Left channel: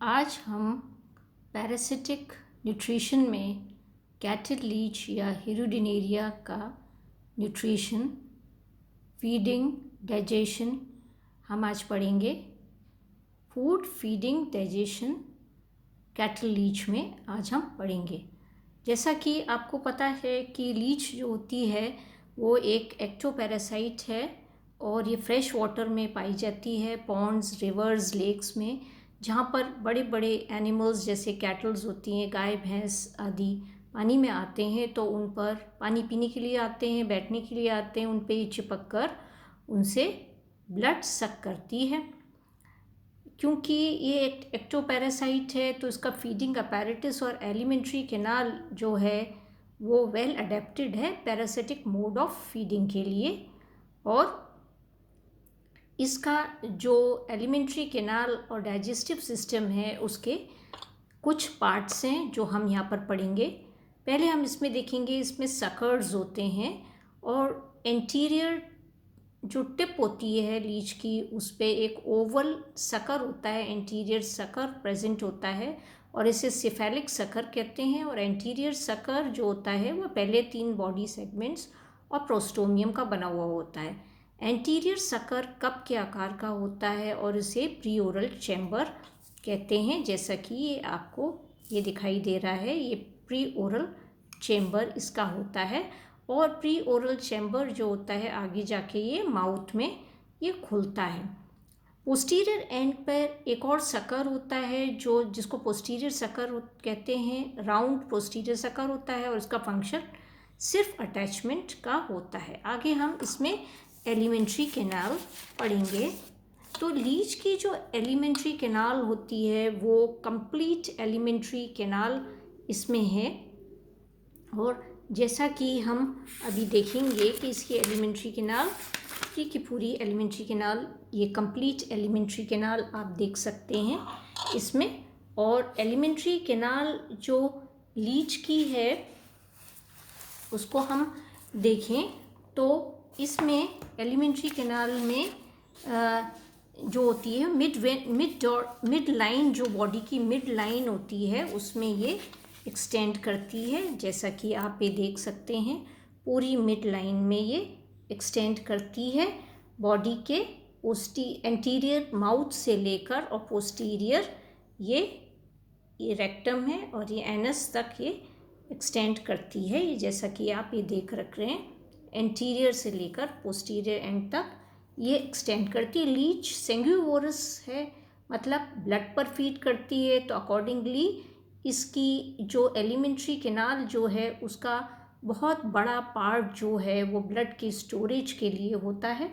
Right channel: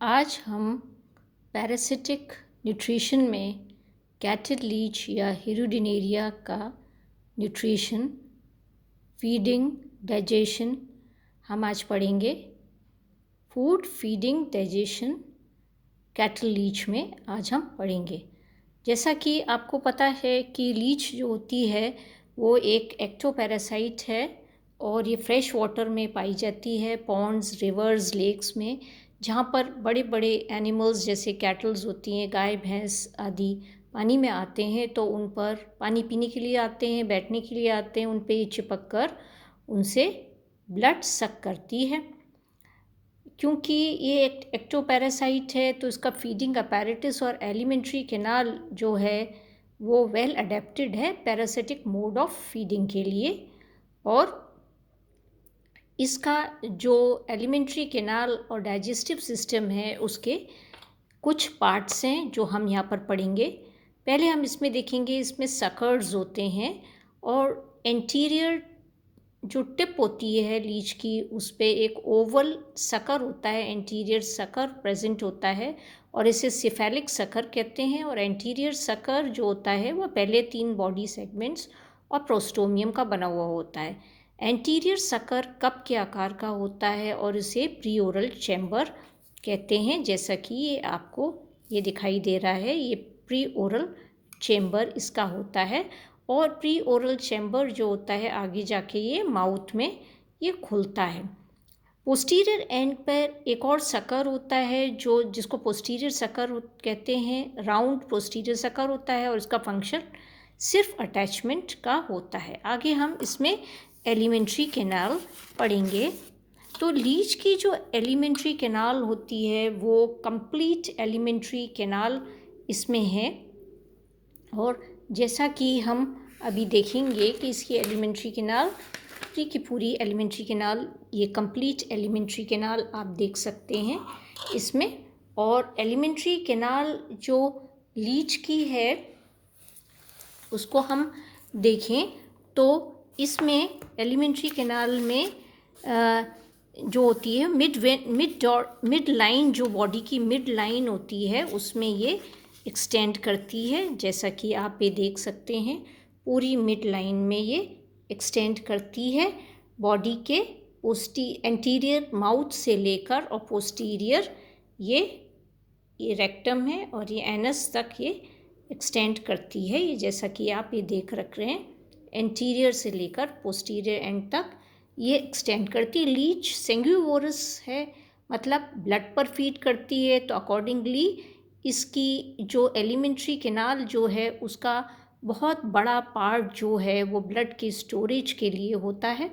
आज हम parasitic nutrition में कैटल लीच या हिरुडिनेरिया का न्यूट्रिशन, फीडिंग, डाइजेशन हम आज पढ़ेंगे। Food, feeding, digestion cattle leech में आज हम पढ़ेंगे। जैसा कि आपको पता है कि लीच जो होती है वो एक एक्टोपैरासाइट है और ये फ्रेश वाटर में पाई जाती है, पॉन्ड्स, रिवर्स, लेक्स में, जहाँ पर बड़े बड़े एनिमल्स जैसे कैटल्स होती हैं, गाय भैंस आदि पानी में आते हैं तो उन पर पानी पीने के लिए आते हैं, बैठने के लिए आते हैं, उन पे चिपक कर उनसे ब्लड सक करती है। क्योंकि ये एक एक्टोपैरासाइट है तो इसका फीडिंग अपैरेटस और एलिमेंट्री कैनाल जो है वो वेल अडेप्टेड है पैरासिटिक मोड ऑफ फीडिंग के लिए। और इसका जो एलिमेंट्री कैनाल और डाइजेस्टिव सिस्टम है उसके कुछ पार्ट्स हैं जो हम यहाँ पर पढ़ेंगे। पहले हम इसमें देखेंगे, इसमें सकर्स होते हैं और एंटीरियर जो टिप होती है लीच की उस पर एक ओवल सकर होता है, एंटीरियर सकर प्रेजेंट होता है और इसे सिफेलिक सकर कहते हैं। और एंटीरियर सकर जो होता है वह पहले 3 बॉडी सेगमेंट्स और प्रोस्टोमियम का बना हुआ होता है। एंटीरियर सकर कप के आकार का होता है और इसे प्रीओरल चैम्बर कहते हैं। जैसा कि ये आपको ये दिखाई दे रहा है, ये प्रीओरल चैम्बर इसका होता है। और प्री ओरल चैम्बर जो होता है आगे जाके ये माउथ में ये खुलता है। पोस्टीरियर एंड पर एक और सकर होता है जो जिसको पोस्टीरियर सकर कहते हैं। राउंड पोस्टीरियर सकर होता है और इसका फंक्शन सिर्फ अटैचमेंट का होता है। आगे हम इसमें एलिमेंट्री कैनाल पढ़ेंगे। तो लीच की जो एलिमेंट्री कैनाल होती है वो कंप्लीट एलिमेंट्री कैनाल इसमें है। और जैसा कि हम अभी देखेंगे कि इसकी एलिमेंट्री कैनाल की पूरी एलिमेंट्री कैनाल, ये कंप्लीट एलिमेंट्री कैनाल आप देख सकते हैं इसमें। और एलिमेंट्री कैनाल जो लीच की है उसको हम देखें तो इसमें एलिमेंट्री कैनाल में जो होती है मिड लाइन, जो बॉडी की मिड लाइन होती है उसमें ये एक्सटेंड करती है। जैसा कि आप ये देख सकते हैं पूरी मिड लाइन में ये एक्सटेंड करती है बॉडी के एंटीरियर माउथ से लेकर और पोस्टीरियर ये रेक्टम है और ये एनस तक ये एक्सटेंड करती है। ये जैसा कि आप ये देख रख रहे हैं एंटीरियर से लेकर पोस्टीरियर एंड तक ये एक्सटेंड करती है। लीच सेंग्यूवोरस है, मतलब ब्लड पर फीड करती है, तो अकॉर्डिंगली इसकी जो एलिमेंट्री कैनाल जो है उसका बहुत बड़ा पार्ट जो है वो ब्लड के स्टोरेज के लिए होता है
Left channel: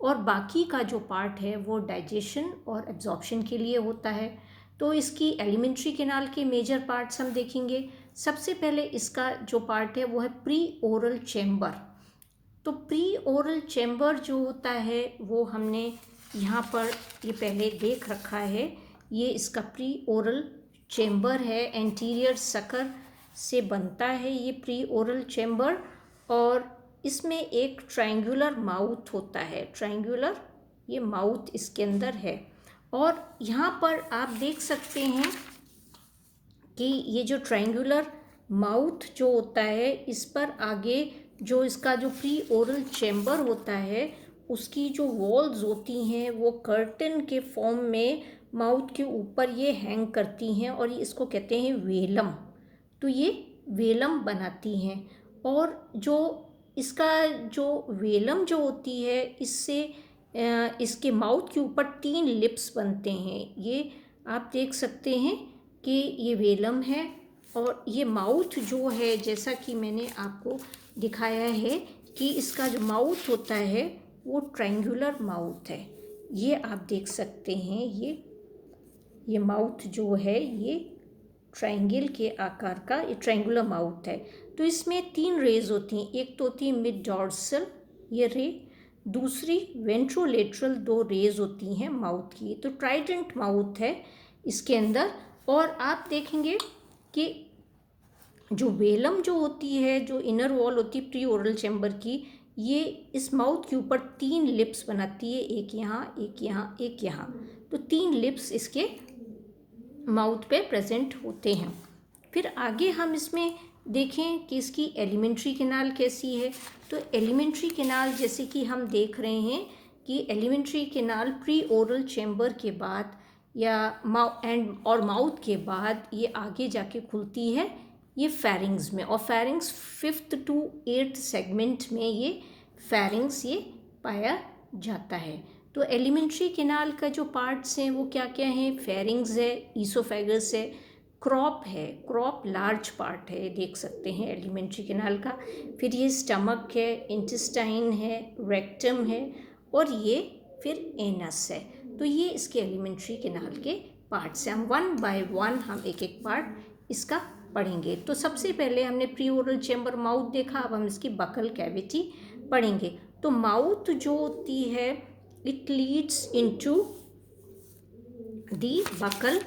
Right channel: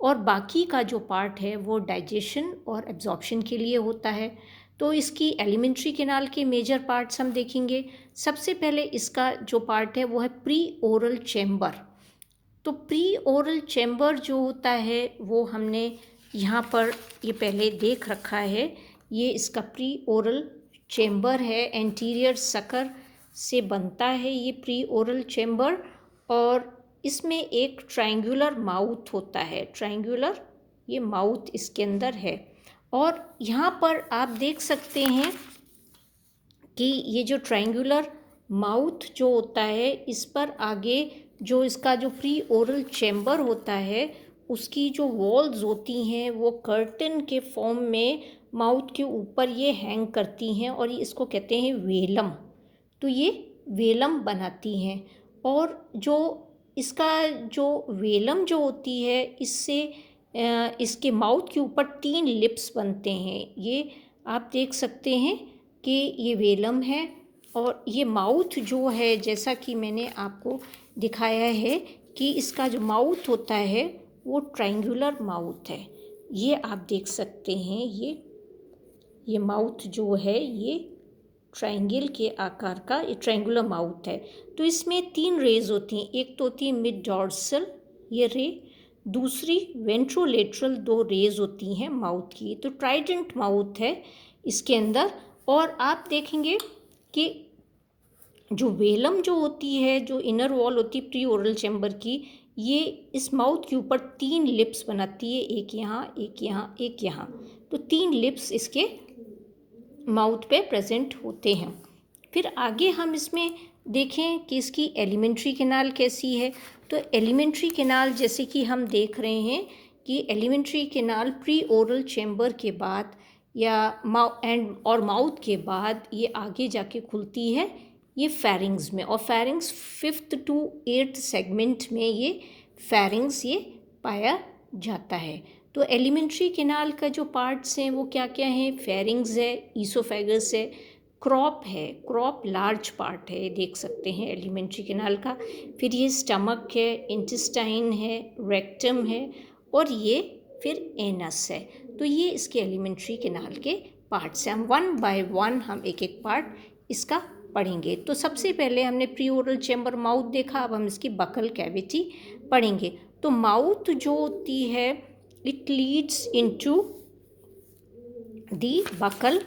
और बाकी का जो पार्ट है वो डाइजेशन और एब्जॉर्प्शन के लिए होता है। तो इसकी एलिमेंट्री कैनाल के मेजर पार्ट्स हम देखेंगे। सबसे पहले इसका जो पार्ट है वो है प्री ओरल चैम्बर। तो प्री ओरल चैम्बर जो होता है वो हमने यहाँ पर ये पहले देख रखा है। ये इसका प्री ओरल चैम्बर है, एंटीरियर सकर से बनता है ये प्री ओरल चैम्बर। और इसमें एक ट्रायंगुलर माउथ होता है, ट्रायंगुलर ये माउथ इसके अंदर है। और यहाँ पर आप देख सकते हैं कि ये जो ट्रायंगुलर माउथ जो होता है इस पर आगे जो इसका जो प्री ओरल चैम्बर होता है उसकी जो वॉल्स होती हैं वो कर्टन के फॉर्म में माउथ के ऊपर ये हैंग करती हैं और इसको कहते हैं वेलम। तो ये वेलम बनाती हैं और जो इसका जो वेलम जो होती है इससे इसके माउथ के ऊपर 3 लिप्स बनते हैं। ये आप देख सकते हैं कि ये वेलम है और ये माउथ जो है जैसा कि मैंने आपको दिखाया है कि इसका जो माउथ होता है वो ट्रायंगुलर माउथ है। ये आप देख सकते हैं ये माउथ जो है ये ट्रायंगल के आकार का ये ट्रायंगुलर माउथ है। तो इसमें 3 रेज होती हैं। एक तो होती है मिड डॉर्सल ये रे, दूसरी वेंट्रोलेटरल 2 रेज होती हैं माउथ की। तो ट्राइडेंट माउथ है इसके अंदर। और आप देखेंगे कि जो वेलम जो होती है, जो इनर वॉल होती है प्री ओरल चैम्बर की, ये इस माउथ के ऊपर 3 लिप्स बनाती है, एक यहाँ, एक यहाँ, एक यहाँ। तो 3 लिप्स इसके माउथ पे प्रेजेंट होते हैं। फिर आगे हम इसमें देखें कि इसकी एलिमेंट्री कैनाल कैसी है। तो एलिमेंट्री कैनाल जैसे कि हम देख रहे हैं कि alimentary canal pre oral chamber के बाद या माउथ के बाद ये आगे जाके खुलती है ये फेरिंग्स में, और pharynx 5th to 8th segment में ये फेरिंग्स ये पाया जाता है। तो एलिमेंट्री कैनाल का जो पार्ट्स हैं वो क्या क्या हैं? फेरिंग्स है, ईसोफेगस है, क्रॉप है, क्रॉप लार्ज पार्ट है, देख सकते हैं एलिमेंट्री कैनाल का। फिर ये स्टमक है, इंटेस्टाइन है, रेक्टम है, और ये फिर एनस है। तो ये इसके एलिमेंट्री कैनाल के पार्ट्स हैं। हम 1 by 1 हम एक एक पार्ट इसका पढ़ेंगे। तो सबसे पहले हमने प्री ओरल चैम्बर माउथ देखा, अब हम इसकी बकल कैविटी पढ़ेंगे। तो माउथ जो होती है it leads into the buccal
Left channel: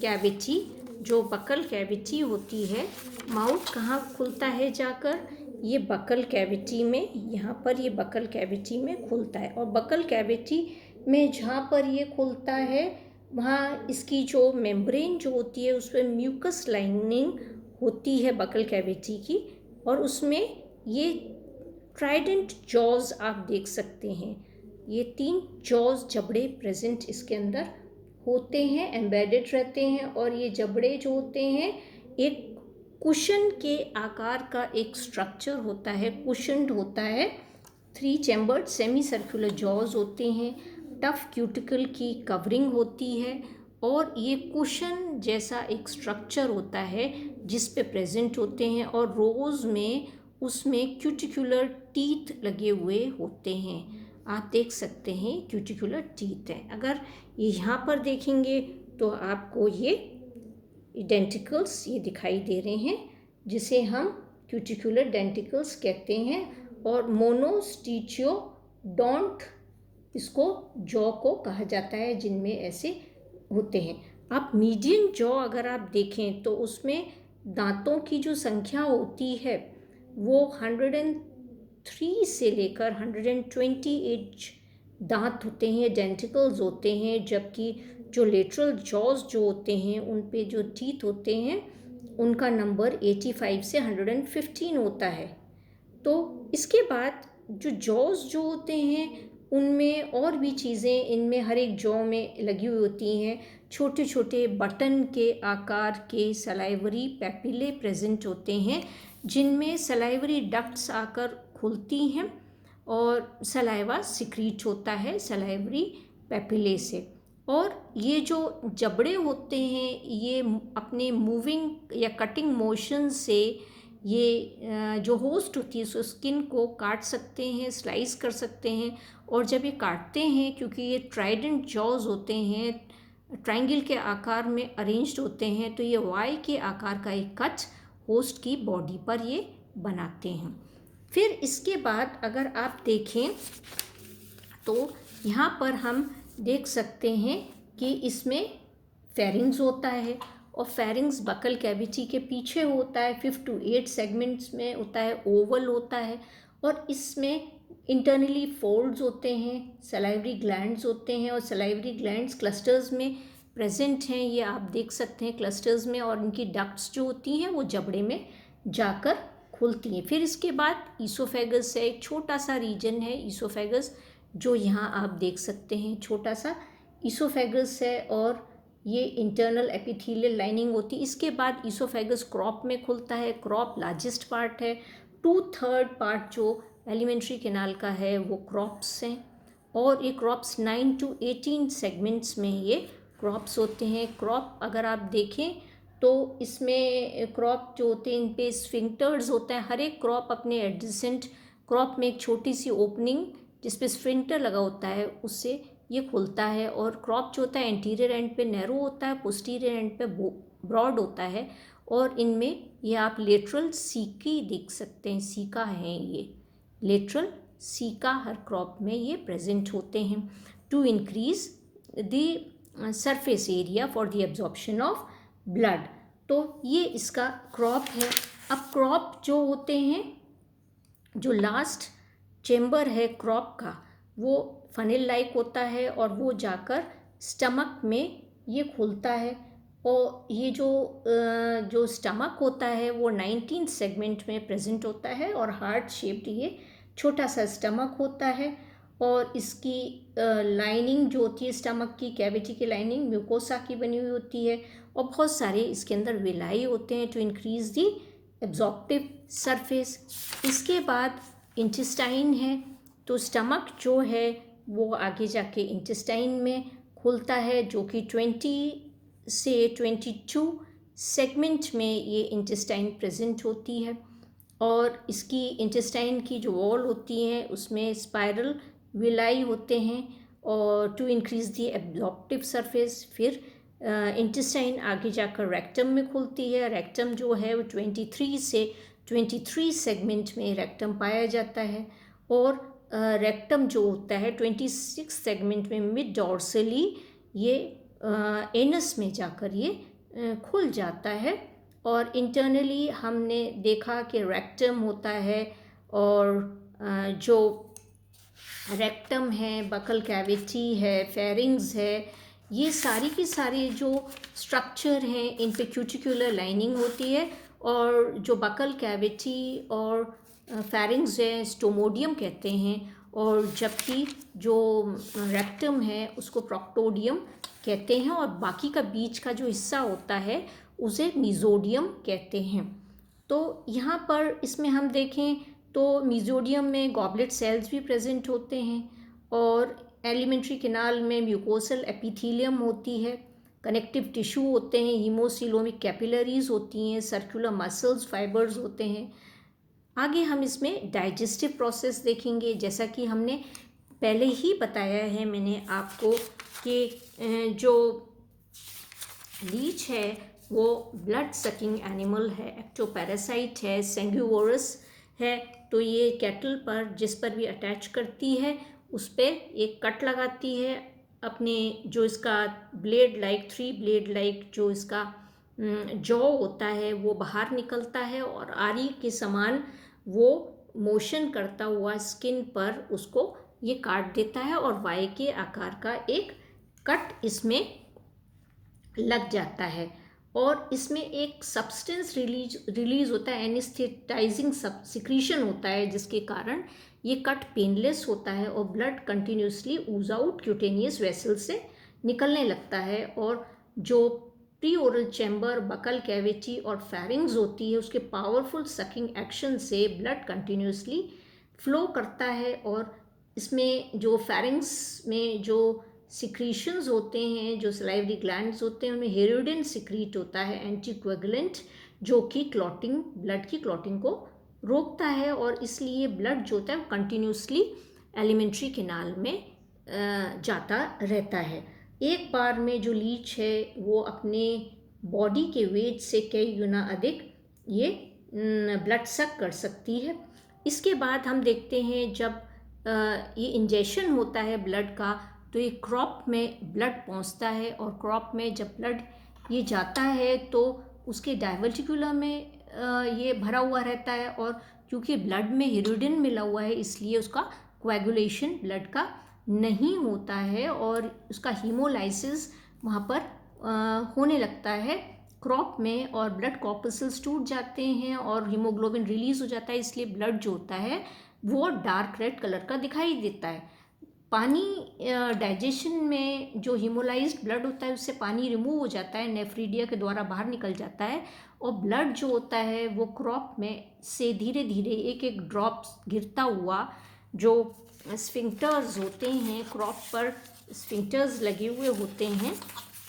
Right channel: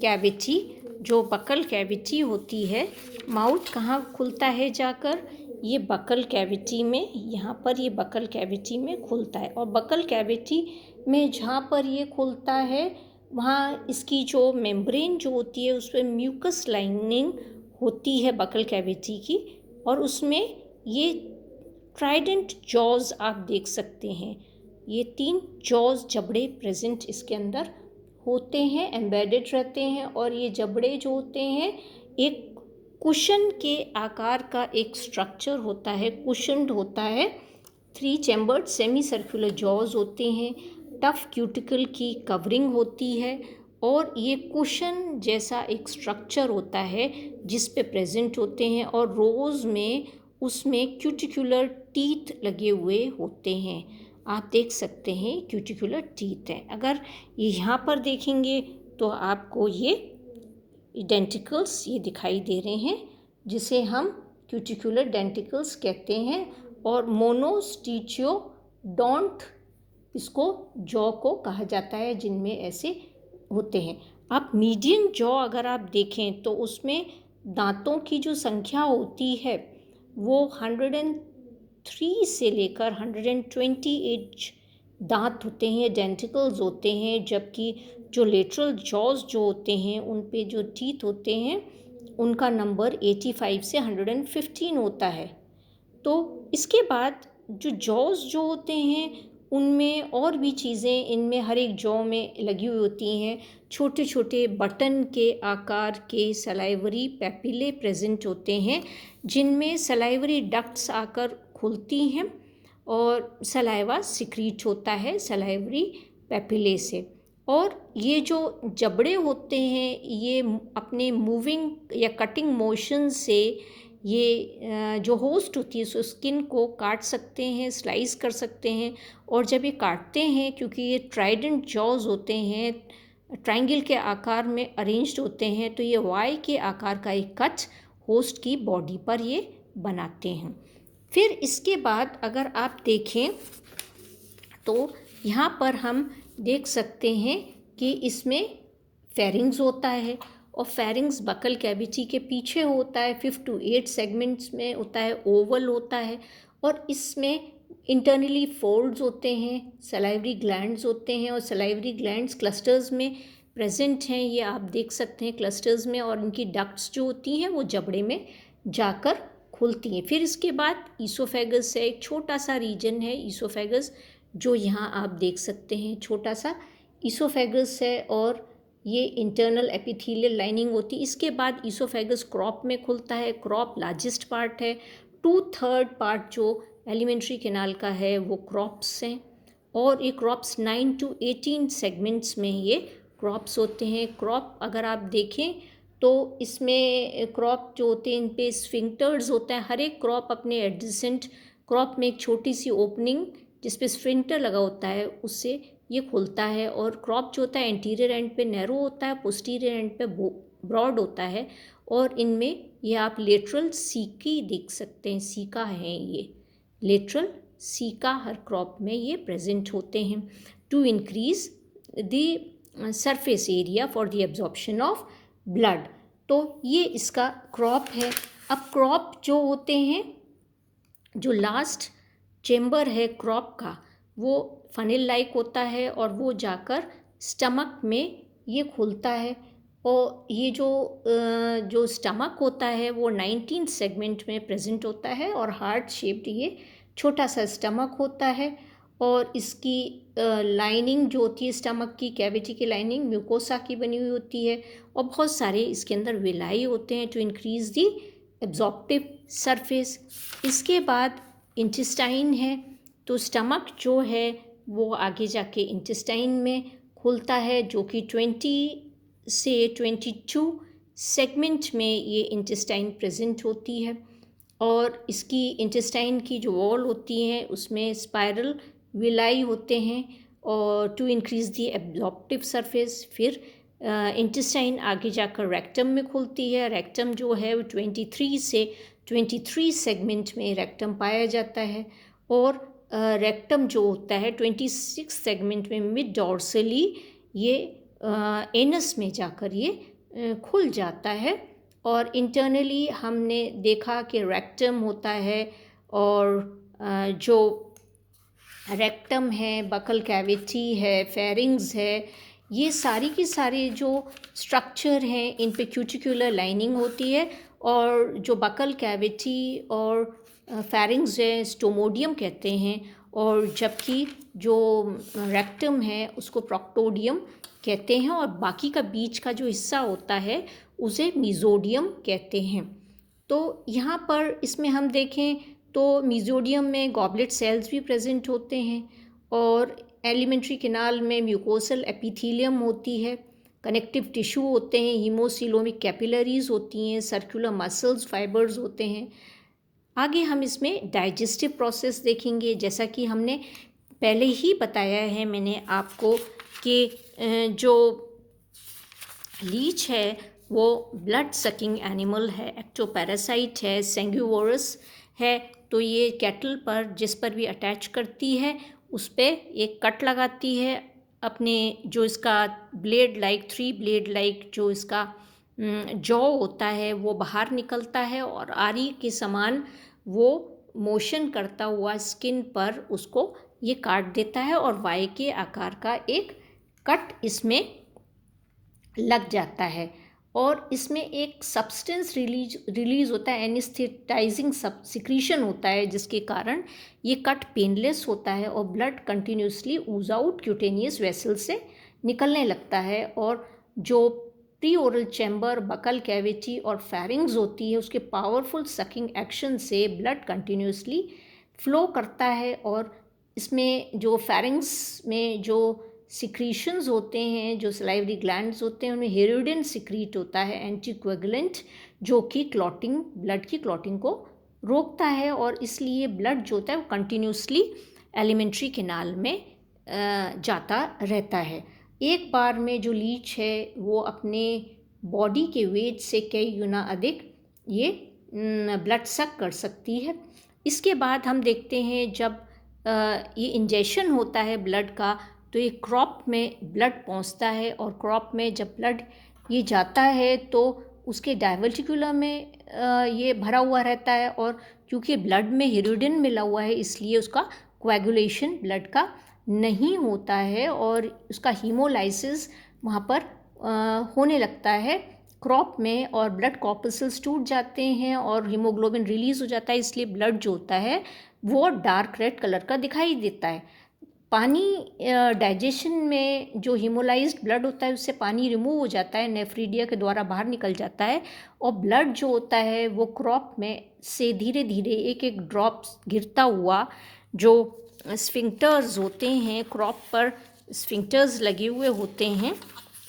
cavity. जो बकल कैविटी होती है, माउथ कहाँ खुलता है जाकर? ये बकल कैविटी में, यहाँ पर ये बकल कैविटी में खुलता है। और बकल कैविटी में जहाँ पर ये खुलता है वहाँ इसकी जो मेम्ब्रेन जो होती है उस पर म्यूकस लाइनिंग होती है बकल कैविटी की, और उसमें ये ट्राइडेंट जॉज आप देख सकते हैं। ये 3 जॉज जबड़े प्रेजेंट इसके अंदर होते हैं, एम्बेडेड रहते हैं। और ये जबड़े जो होते हैं एक कुशन के आकार का एक स्ट्रक्चर होता है, कुशन्ड होता है। 3 चैम्बर्ड सेमी सर्कुलर जॉज होते हैं, टफ क्यूटिकल की कवरिंग होती है, और ये कुशन जैसा एक स्ट्रक्चर होता है जिस पे प्रेजेंट होते हैं। और रोज़ में उसमें क्यूटिकुलर टीथ लगे हुए होते हैं, आप देख सकते हैं क्यूटिकुलर टीथ हैं। अगर ये यहाँ पर देखेंगे तो आपको ये डेंटिकल्स ये दिखाई दे रहे हैं, जिसे हम क्यूटिकुलर डेंटिकल्स कहते हैं। और मोनोस्टिचियोडोंट इसको जॉ को कहा जाता है जिनमें ऐसे होते हैं। आप मीडियन जॉ अगर आप देखें तो उसमें दांतों की जो संख्या होती है वो 103 से लेकर 128 दांत होते हैं, डेंटिकल्स होते हैं। जबकि जो लेटरल जॉज जो होते हैं उन पे जो टीथ होते हैं उनका नंबर 85 से 115 होता है। तो इसके बाद जो जॉज जो होते हैं उनमें और भी चीज़ें इनमें हर एक जॉ में लगी हुई होती हैं। छोटे छोटे बटन के आकार के सलाइवरी पैपिले प्रेजेंट होते हैं, जिनमें सलाइवरी डक्ट्स आकर खुलती हैं और सलाइवा सिक्रीट होता है सलाइवरी पैपिले से। और ये जो जबड़े होते हैं ये अपने मूविंग या कटिंग मोशन से ये जो होस्ट होती है सो स्किन को काट सकते हैं, स्लाइस कर सकते हैं। और जब ये काटते हैं, क्योंकि ये ट्राइडेंट जॉज होते हैं, ट्रायंगल के आकार में अरेंज्ड होते हैं, तो ये वाई के आकार का एक कट होस्ट की बॉडी पर ये बनाते हैं। फिर इसके बाद अगर आप देखें तो यहाँ पर हम देख सकते हैं कि इसमें फेरिंग्स होता है, और फेरिंग्स बकल कैविटी के पीछे होता है, 5 to 8 सेगमेंट्स में होता है, ओवल होता है। और इसमें इंटरनली फोल्ड्स होते हैं, सलाइवरी ग्लैंड्स होते हैं, और सलाइवरी ग्लैंड्स क्लस्टर्स में प्रेजेंट हैं, ये आप देख सकते हैं क्लस्टर्स में। और उनकी डक्ट्स जो होती हैं वो जबड़े में जाकर खुलती हैं। फिर इसके बाद ईसोफेगस है, एक छोटा सा रीजन है ईसोफेगस जो यहाँ आप देख सकते हैं, छोटा सा ईसोफेगस है, और ये इंटरनल एपिथेलियल लाइनिंग होती है। इसके बाद ईसोफेगस क्रॉप में खुलता है, क्रॉप लार्जेस्ट पार्ट है। 2/3 पार्ट जो एलिमेंट्री कैनाल का है वो क्रॉप्स हैं, और ये क्रॉप्स 9 to 18 सेगमेंट्स में ये क्रॉप्स होते हैं। क्रॉप अगर आप देखें तो इसमें क्रॉप जो होते हैं इन पे स्फिंक्टर्स होते हैं। हर एक क्रॉप अपने एडजेसेंट क्रॉप में एक छोटी सी ओपनिंग जिस पे स्फिंक्टर लगा होता है उससे ये खुलता है। और क्रॉप जो होता है एंटीरियर एंड पे नैरो होता है, पोस्टीरियर एंड पे ब्रॉड होता है। और इनमें ये आप लेटरल सीकी देख सकते हैं, सीका है ये लेटरल सीका हर क्रॉप में ये प्रेजेंट होते हैं to increase the surface area for the absorption of blood. तो ये इसका क्रॉप है। अब क्रॉप जो होते हैं, जो लास्ट चेम्बर है क्रॉप का वो फनेल लाइक होता है, और वो जाकर स्टमक में ये खुलता है। और ये जो स्टमक होता है वो 19 सेगमेंट में प्रेजेंट होता है और हार्ट शेप्ड ये छोटा सा स्टमक होता है। और इसकी लाइनिंग जो होती है स्टमक की, कैविटी की लाइनिंग म्यूकोसा की बनी हुई होती है और बहुत सारे इसके अंदर विलाई होते हैं to increase the absorptive surface. इसके बाद इंटेस्टाइन है, तो स्टमक जो है वो आगे जाके इंटेस्टाइन में खुलता है, जो कि 20 से 22 सेगमेंट में ये इंटेस्टाइन प्रेजेंट होती है। और इसकी इंटेस्टाइन की जो वॉल होती है उसमें स्पाइरल विलाई होते हैं और to increase the absorptive surface. फिर इंटेस्टाइन आगे जाकर रेक्टम में खुलती है। रेक्टम जो है वो 23 से 23 सेगमेंट में रेक्टम पाया जाता है। और रेक्टम जो होता है 26 सेगमेंट में मिड डॉर्सली ये एनस में जाकर ये खुल जाता है। और इंटरनली हमने देखा कि रेक्टम होता है और जो रेक्टम है, बकल कैविटी है, फेरिंग्स है, ये सारी की सारी जो स्ट्रक्चर हैं इन पे क्यूटिकुलर लाइनिंग होती है। और जो बकल कैविटी और फेरिंग्स है स्टोमोडियम कहते हैं, और जबकि जो रेक्टम है उसको प्रोक्टोडियम कहते हैं, और बाकी का बीच का जो हिस्सा होता है उसे मीजोडियम कहते हैं। तो यहाँ पर इसमें हम देखें तो मीजोडियम में गॉबलेट सेल्स भी प्रेजेंट होते हैं और एलिमेंट्री कैनाल में म्यूकोसल एपिथेलियम होती है, कनेक्टिव टिश्यू होते हैं, हीमोसिलोमिक कैपिलरीज होती हैं, सर्कुलर मसल्स फाइबर्स होते हैं। आगे हम इसमें डाइजेस्टिव प्रोसेस देखेंगे। जैसा कि हमने पहले ही बताया है मैंने आपको कि जो लीच है वो ब्लड सकिंग एनिमल है, एक्टोपैरासाइट है, सेंग्यूवोरस है। तो ये कैटल पर जिस पर भी अटैच करती है उस पर एक कट लगाती है, अपने जो इसका ब्लेड लाइक 3 ब्लेड लाइक जो इसका जॉ होता है वो बाहर निकलता है और आरी के समान वो मोशन करता हुआ स्किन पर उसको ये काट देता है और वाई के आकार का एक कट इसमें लग जाता है। और इसमें एक सब्सटेंस रिलीज होता है, एनेस्थेटाइजिंग सिक्रीशन होता है, जिसके कारण ये कट पेनलेस होता है और ब्लड कंटिन्यूसली ऊज आउट क्यूटेनियस वेसल से निकलने लगता है। और जो pre oral chamber, buccal cavity और फेरिंग्स होती है उसके पावरफुल सकिंग एक्शन से ब्लड कंटिन्यूसली फ्लो करता है। और इसमें जो फेरिंग्स में जो सिक्रीशंस होते हैं, जो सलाइवरी ग्लैंड्स होते हैं, उनमें हेरोडिन सिक्रीट होता है एंटीकोएगुलेंट, जो कि क्लॉटिंग, ब्लड की क्लॉटिंग को रोकता है। और इसलिए ब्लड जो होता है वो कंटिन्यूसली एलिमेंट्री कैनाल में जाता रहता है। एक बार में जो लीच है वो अपने बॉडी के वेट से कई गुना अधिक ये ब्लड सक कर सकती है। इसके बाद हम देखते हैं जब ये इंजेक्शन होता है ब्लड का तो ये क्रॉप में ब्लड पहुंचता है और क्रॉप में जब ब्लड ये जाता है तो उसके डायवर्टिकुलर में ये भरा हुआ रहता है। और क्योंकि ब्लड में हेरोडिन मिला हुआ है इसलिए उसका कोएगुलेशन ब्लड का नहीं होता है और उसका हीमोलाइसिस वहाँ पर होने लगता है क्रॉप में, और ब्लड कॉर्पसेल्स टूट जाते हैं और हीमोग्लोबिन रिलीज हो जाता है। इसलिए ब्लड जो होता है वो डार्क रेड कलर का दिखाई देता है। पानी डाइजेशन में जो हीमोलाइज्ड ब्लड होता है उससे पानी रिमूव हो जाता है, नेफ्रीडिया के द्वारा बाहर निकल जाता है और ब्लड जो होता है वो क्रॉप में से धीरे धीरे एक एक ड्रॉप गिरता हुआ, जो स्फिंक्टर्स होते हैं क्रॉप पर स्फिंक्टर्स लगे हुए होते हैं,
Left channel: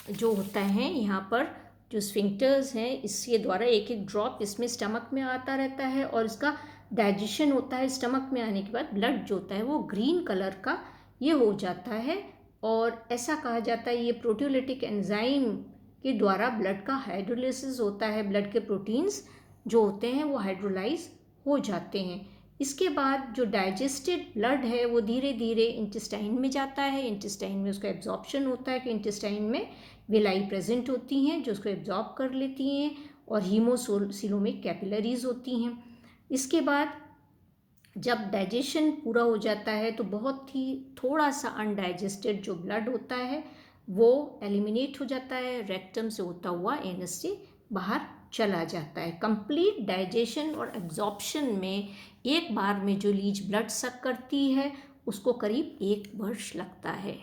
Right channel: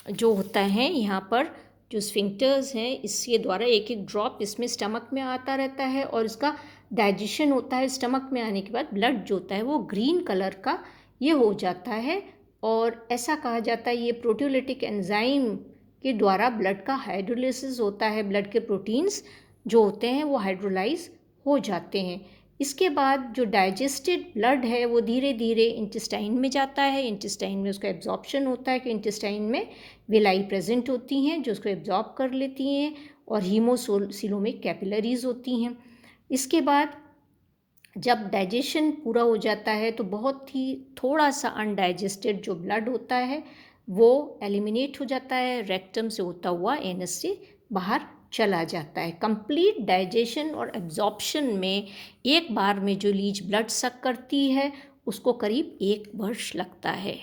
जो होता है यहाँ पर जो स्फिंक्टर्स हैं इसके द्वारा एक एक ड्रॉप इसमें स्टमक में आता रहता है और इसका डाइजेशन होता है। स्टमक में आने के बाद ब्लड जो होता है वो ग्रीन कलर का ये हो जाता है और ऐसा कहा जाता है ये प्रोटियोलिटिक एंजाइम के द्वारा ब्लड का हाइड्रोलिसिस होता है, ब्लड के प्रोटीन्स जो होते हैं वो हाइड्रोलाइज हो जाते हैं। इसके बाद जो डाइजेस्टेड ब्लड है वो धीरे धीरे इंटेस्टाइन में जाता है, इंटेस्टाइन में उसका एब्जॉर्प्शन होता है कि इंटेस्टाइन में विलाई प्रेजेंट होती हैं जो उसको एब्जॉर्ब कर लेती हैं और हीमोसिलोमिक कैपिलरीज होती हैं। इसके बाद जब डाइजेशन पूरा हो जाता है तो बहुत ही थोड़ा सा अनडाइजेस्टेड जो ब्लड होता है वो एलिमिनेट हो जाता है, रेक्टम से होता हुआ एनस से बाहर चला जाता है। कंप्लीट डाइजेशन और एब्जॉर्प्शन में एक बार में जो लीच ब्लड सक करती है उसको करीब 1 वर्ष लगता है।